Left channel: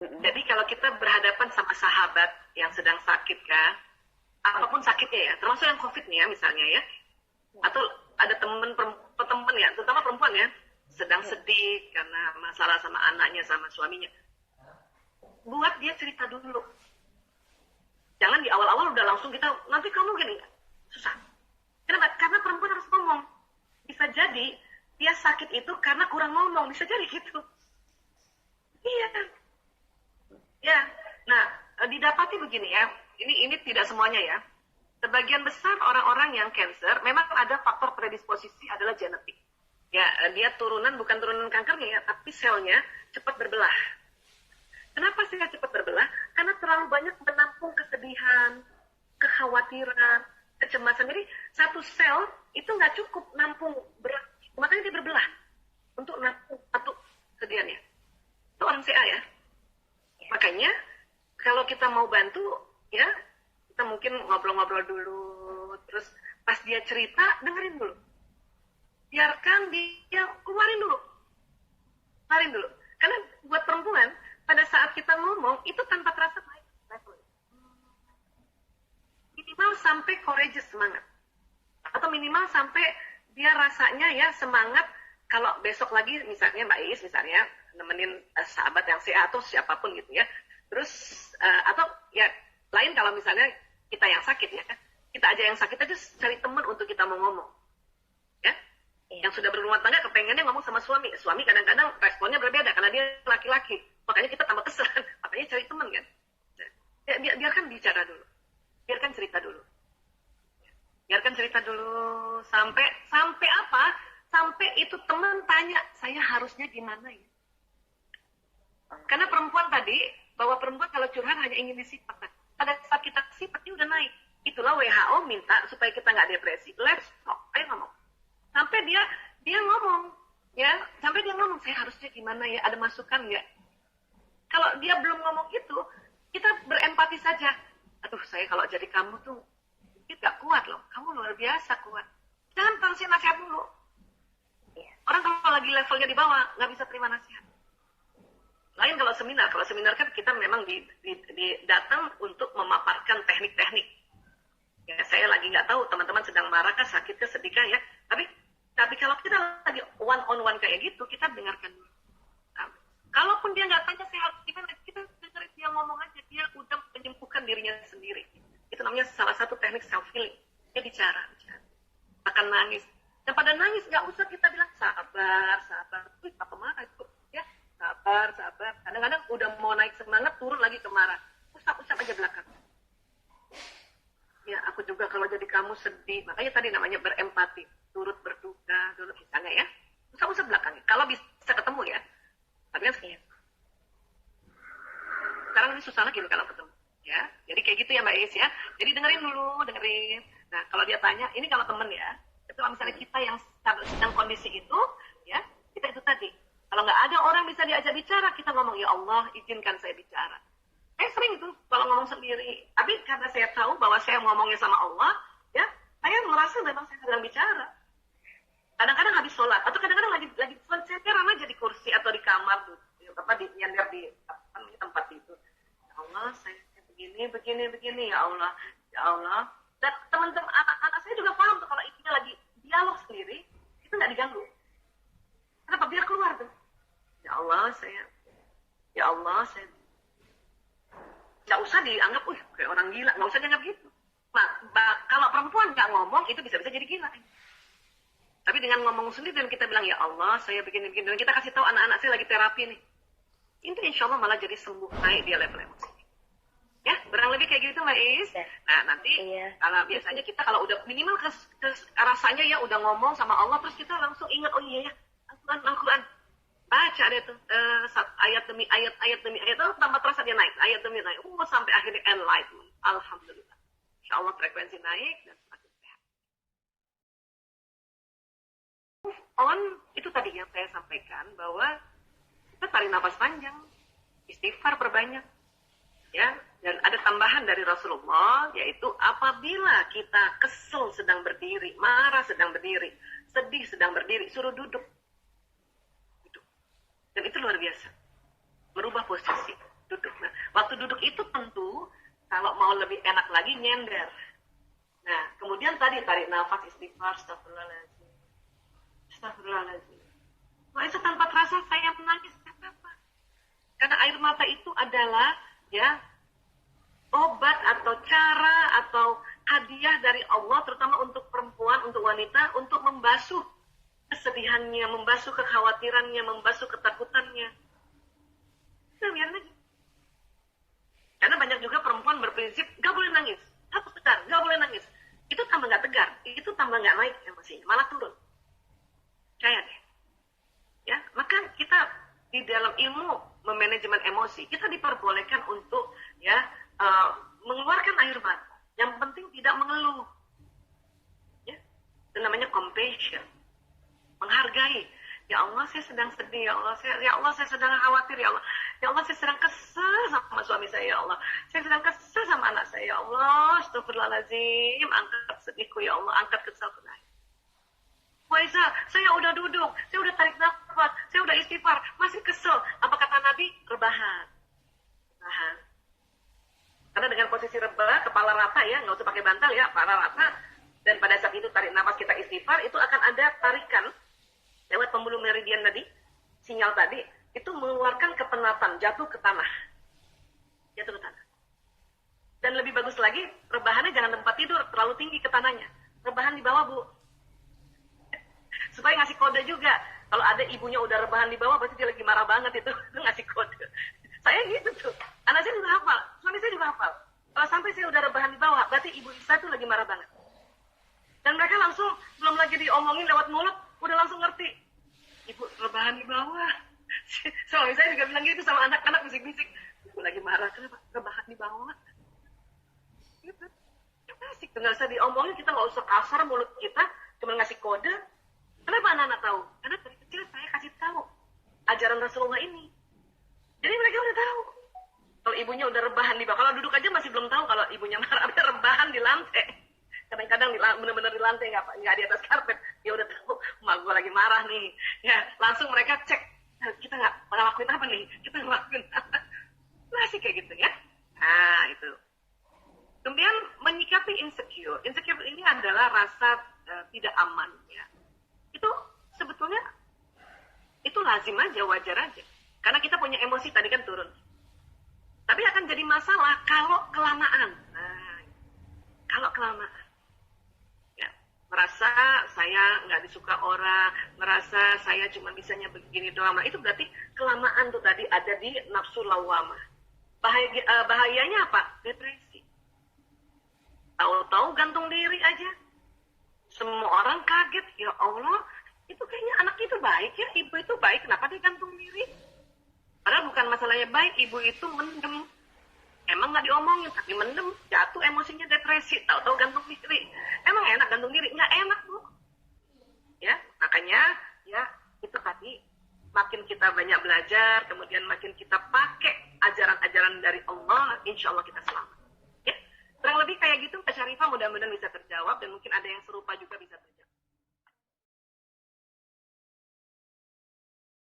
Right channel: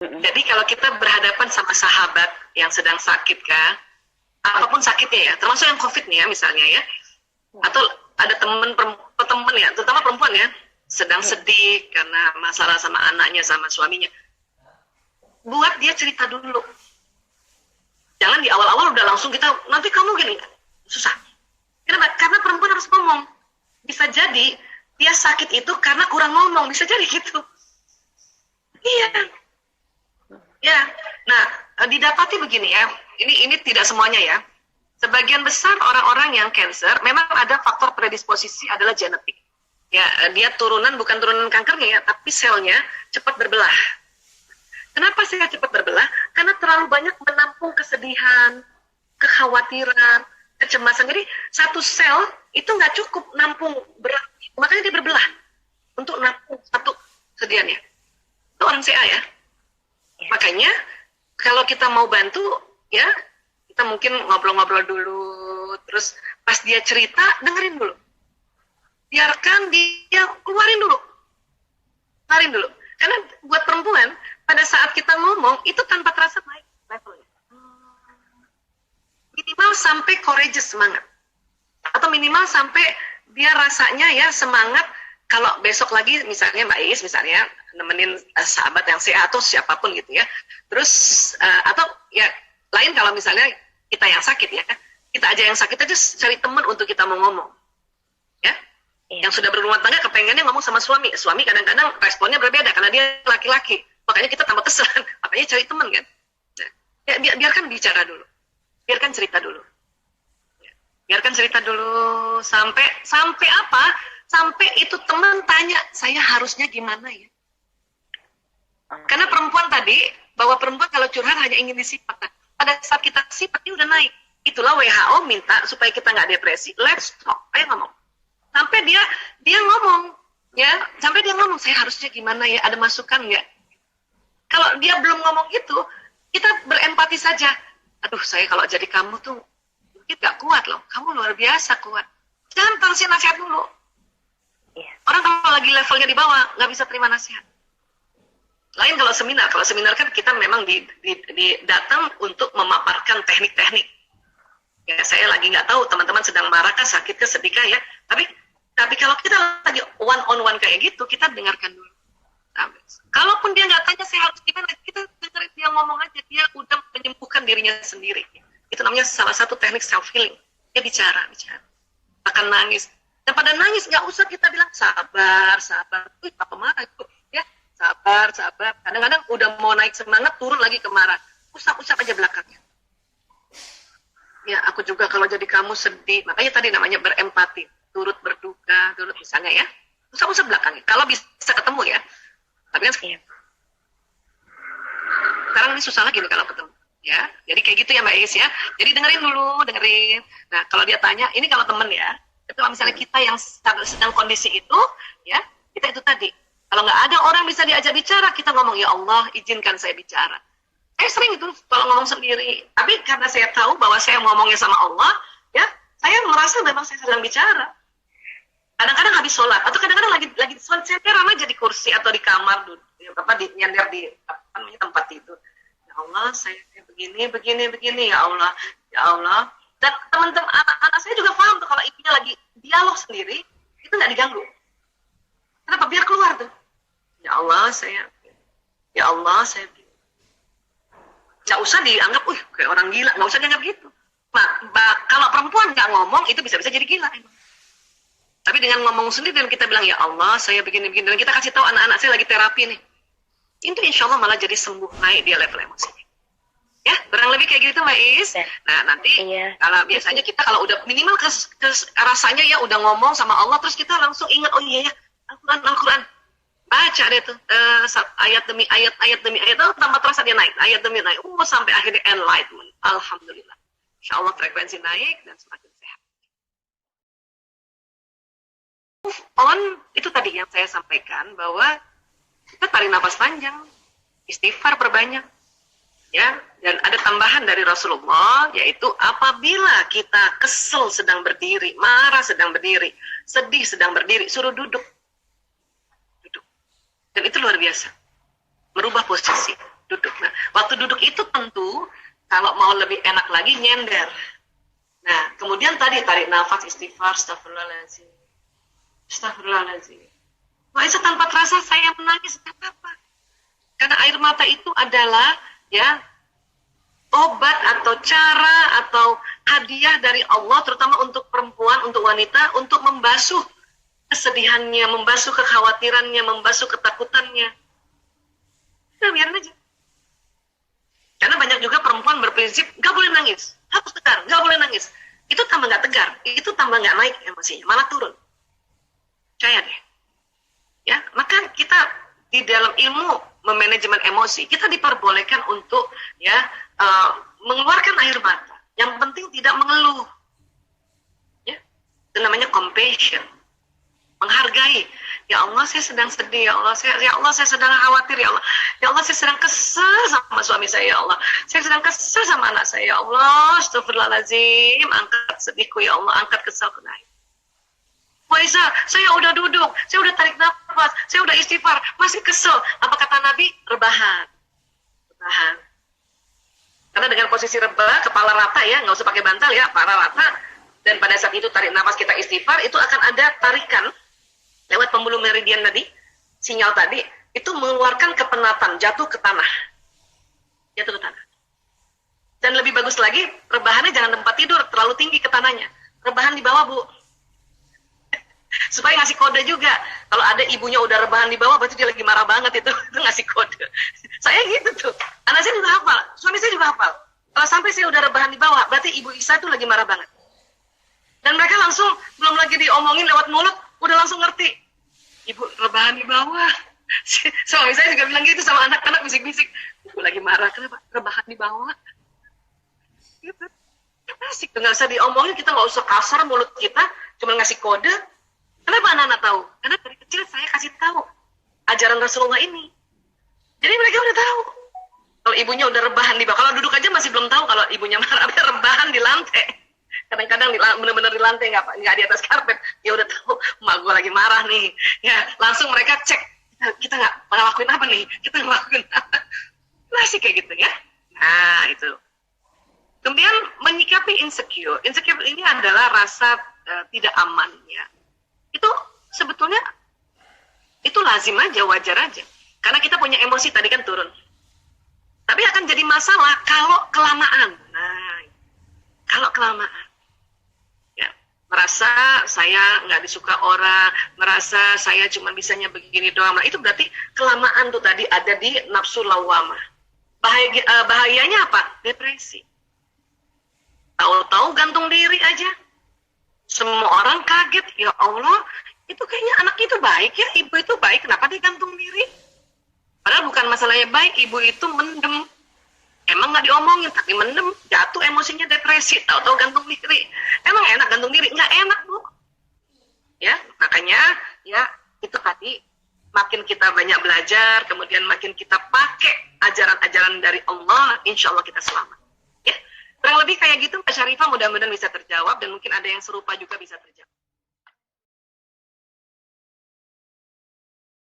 Jadi kalau kita berhadapan sama sahabat yang sedang sakit kan, apapun sakitnya ya, termasuk yang COVID nih ya misalnya ya, atau ada temen ya, terutama perempuan ya, sedang sedih karena masalah sama anaknya, sama suaminya, buat dia cerita dulu. Jangan di awal-awal udah langsung kita, nanti kamu gini, susah. Kenapa? Karena perempuan harus ngomong. Bisa jadi dia sakit itu karena kurang ngomong, bisa jadi gitu. Iya. Ya. Nah, didapati begini ya. Ini tidak semuanya ya. Sebagian besar orang-orang yang cancer memang ada faktor predisposisi adalah genetik. Ya, dia turunan bukan turunan kankernya ya, tapi selnya cepat berbelah. Kenapa saya cepat berbelah? Karena terlalu banyak menampung kesedihan, kekhawatiran, kecemasan. Jadi satu sel itu nggak cukup nampung berat, makanya dia berbelah untuk nampung satu kesedihannya. Itu orang CA ya. Makanya kalau kita mau bantu ya, kita mungkin ngobrol-ngobrol dulu, terus pas dia cerita dengerin dulu, biarkan dia keluarin dulu. Karena buat perempuan pada saat kita ngomong itu tanpa terasa naik levelnya. Minimal sampai courageous, semangat, atau minimal sampai dia rasanya ya semangat. Kalau besok lagi misalnya Mbak Is misalnya nemenin sahabat yang sehat atau siapapun gitu ya, terus atau ya lain kalau misalnya kita yang sakit ya, kita aja yang sakit aja cari teman untuk kita mau ngomong ya. Yang sudah berumah tangga kepengennya ngomong sama suami kadang-kadang responnya berbeda karena dia laki-laki, makanya kita tambah kesel, makanya cari teman kan. Nah, ya, biarkan bicara dulu, biarkan cerita dulu, sampai apa, sampai itu teman tanya saya harusnya gimana ya. Karena perempuan tadi, bahwa perempuan kalau curhat hanya ingin disipat. Nah, pada saat kita sifat, dia udah naik. Itulah WHO minta supaya kita nggak depresi. Let's talk, ayo ngomong. Sampai dia ngomong, ya, sampai dia ngomong, saya harusnya gimana ya, ada masukan nggak? Kalau dia belum ngomong itu, kita berempati saja. Aduh, saya kalau jadi kamu tuh, mungkin nggak kuat loh. Kamu luar biasa kuat. Jangan kasih nasihat dulu. Orang kalau lagi levelnya di bawah, nggak bisa terima nasihat. Lain kalau seminar kan kita memang datang untuk memaparkan teknik-teknik. Ya, saya lagi nggak tahu teman-teman sedang marahkah, sakitkah, sedihkah ya. Tapi kalau kita lagi one on one kayak gitu, kita dengarkan dulu. Nah, kalaupun dia nggak tanya saya harus gimana, kita dengerin dia ngomong aja, dia udah menyembuhkan dirinya sendiri. Itu namanya salah satu teknik self healing. Dia bicara, akan nangis. Dan pada nangis nggak usah kita bilang sabar. Wih, apa marah itu? Ya, sabar. Kadang-kadang udah mau naik semangat, turun lagi ke marah. Usap aja belakangnya. Ya, aku juga kalau jadi kamu sedih. Makanya tadi namanya berempati. Turut berduka, turut misalnya ya. Usap belakangnya. Kalau bisa ketemu ya. Tapi kan sekarang ini susah lagi nih kalau ketemu. Ya, jadi kayak gitu ya Mbak Is ya. Jadi dengerin. Nah, kalau dia tanya, ini kalau temen ya. Tapi kalau misalnya kita yang sedang kondisi itu, ya, kita itu tadi. Kalau nggak ada orang bisa diajak bicara, kita ngomong, ya Allah, izinkan saya bicara. Saya sering itu kalau ngomong sendiri. Tapi karena saya tahu bahwa saya ngomongnya sama Allah, ya, saya merasa memang saya sedang bicara. Kadang-kadang habis sholat, atau kadang-kadang lagi sholat, saya ramai aja di kursi atau di kamar, nyender di tempat tidur. Ya Allah, saya begini, ya Allah. Dan teman-teman anak-anak saya juga paham tuh kalau ibunya lagi dialog sendiri, itu nggak diganggu. Kenapa? Biar keluar tuh. Ya Allah, saya nggak usah dianggap, kayak orang gila, nggak usah dianggap gitu. Nah, kalau perempuan nggak ngomong, itu bisa-bisa jadi gila. Emang. Tapi dengan ngomong sendiri dan kita bilang, ya Allah, saya begini, dan kita kasih tahu anak-anak saya lagi terapi nih. Itu insya Allah malah jadi sembuh, naik dia level emosinya. Ya, kurang lebih kayak gitu Mbak Is. Nah, nanti kalau biasanya kita kalau udah minimal rasanya ya udah ngomong sama Allah, terus kita langsung ingat, oh iya ya, Al-Quran. Baca deh tuh, ayat demi ayat, oh, tanpa terasa dia naik, ayat demi naik, sampai akhirnya enlightenment. Alhamdulillah. Insya Allah frekuensi naik dan semakin sehat. Move on, itu tadi yang saya sampaikan, bahwa kita tarik nafas panjang, istighfar perbanyak. Ya, dan ada tambahan dari Rasulullah, yaitu apabila kita kesel sedang berdiri, marah sedang berdiri, sedih sedang berdiri, suruh duduk. Dan itu luar biasa. Merubah posisi. Duduk mau lebih enak lagi nyender. Nah, kemudian tadi tarik nafas, istighfar, astagfirullahaladzim. Astagfirullahaladzim. Wah, itu tanpa terasa saya menangis, tidak apa-apa. Karena air mata itu adalah ya obat atau cara atau hadiah dari Allah, terutama untuk perempuan, untuk wanita, untuk membasuh kesedihannya, membasuh kekhawatirannya, membasuh ketakutannya. Nah, biarin aja. Karena banyak juga perempuan berprinsip, gak boleh nangis, harus tegar, gak boleh nangis. Itu tambah gak tegar, itu tambah gak naik emosinya, malah turun. Percaya deh. Ya, maka kita di dalam ilmu memanajemen emosi, kita diperbolehkan untuk ya mengeluarkan air mata. Yang penting tidak mengeluh. Ya, itu namanya compassion. Menghargai. Ya Allah, saya sedang sedih, ya Allah, saya sedang khawatir, ya Allah. Ya Allah, saya sedang kesal sama suami saya, ya Allah. Saya sedang kesal sama anak saya, ya Allah. Astagfirullahaladzim, angkat sedihku, ya Allah, angkat kesalku. Waiza, saya udah duduk, saya udah tarik nafas, saya udah istighfar, masih kesel. Apa kata Nabi? Rebahan. Rebahan. Karena dengan posisi rebah, kepala rata ya, nggak usah pakai bantal ya, kepala rata. Dan pada saat itu tarik nafas kita istighfar, itu akan ada tarikan lewat pembuluh meridian tadi, sinyal tadi, itu mengeluarkan kepenatan, jatuh ke tanah. Jatuh ke tanah. Dan lebih bagus lagi, rebahannya jangan tempat tidur, terlalu tinggi ke tanahnya. Rebahan di bawah, Bu. Supaya ngasih kode juga. Kalau ada ibunya udah rebahan di bawah, berarti dia lagi marah banget itu ngasih kode. Saya gitu tuh. Anak saya juga hafal, suami saya juga hafal. Kalau sampai saya udah rebahan di bawah, berarti ibu Isa tuh lagi marah banget. Dan mereka langsung, belum lagi diomongin lewat mulut, udah langsung ngerti. Ibu rebahan di bawah. Suami saya juga bilang gitu sama anak-anak, bisik-bisik. Ibu lagi marah, kenapa? Rebahan di bawah. Gitu. Asik tuh, nggak usah diomongin, kita nggak usah kasar mulut kita, cuma ngasih kode. Kenapa anak-anak tahu? Karena dari kecil saya kasih tahu ajaran Rasulullah ini. Jadi mereka udah tahu. Kalau ibunya udah rebahan di bawah, kalau duduk aja masih belum tahu kalau ibunya marah, rebahan di lantai. Kadang-kadang benar-benar di lantai, nggak di atas karpet. Ya udah tahu, emak gue lagi marah nih. Ya langsung mereka cek, kita nggak ngelakuin apa nih? Kita ngelakuin apa? Masih kayak gitu ya. Nah itu. Kemudian menyikapi insecure. Insecure ini adalah rasa tidak aman ya. Itu sebetulnya itu lazim aja, wajar aja. Karena kita punya emosi tadi kan turun. Tapi akan jadi masalah kalau kelamaan. Nah, kalau kelamaan. Ya, merasa saya nggak disuka orang, merasa saya cuma bisanya begini doang. Nah, itu berarti kelamaan tuh tadi ada di nafsu lawamah. Bahayanya apa? Depresi. Tahu-tahu gantung diri aja. Semua orang kaget, ya Allah, itu kayaknya anak itu baik ya, ibu itu baik, kenapa dia gantung diri? Padahal bukan masalahnya baik, ibu itu mendem. Emang nggak diomongin, tapi mendem, jatuh emosinya depresi, tahu-tahu gantung diri. Emang enak gantung diri? Nggak enak, Bu. Ya, makanya, ya, itu tadi, makin kita banyak belajar, kemudian makin kita pakai ajaran-ajaran dari Allah, insya Allah kita selamat. Ya. Kurang lebih kayak gitu, Mbak Syarifah, mudah-mudahan bisa terjawab, dan mungkin ada yang serupa juga bisa terjawab.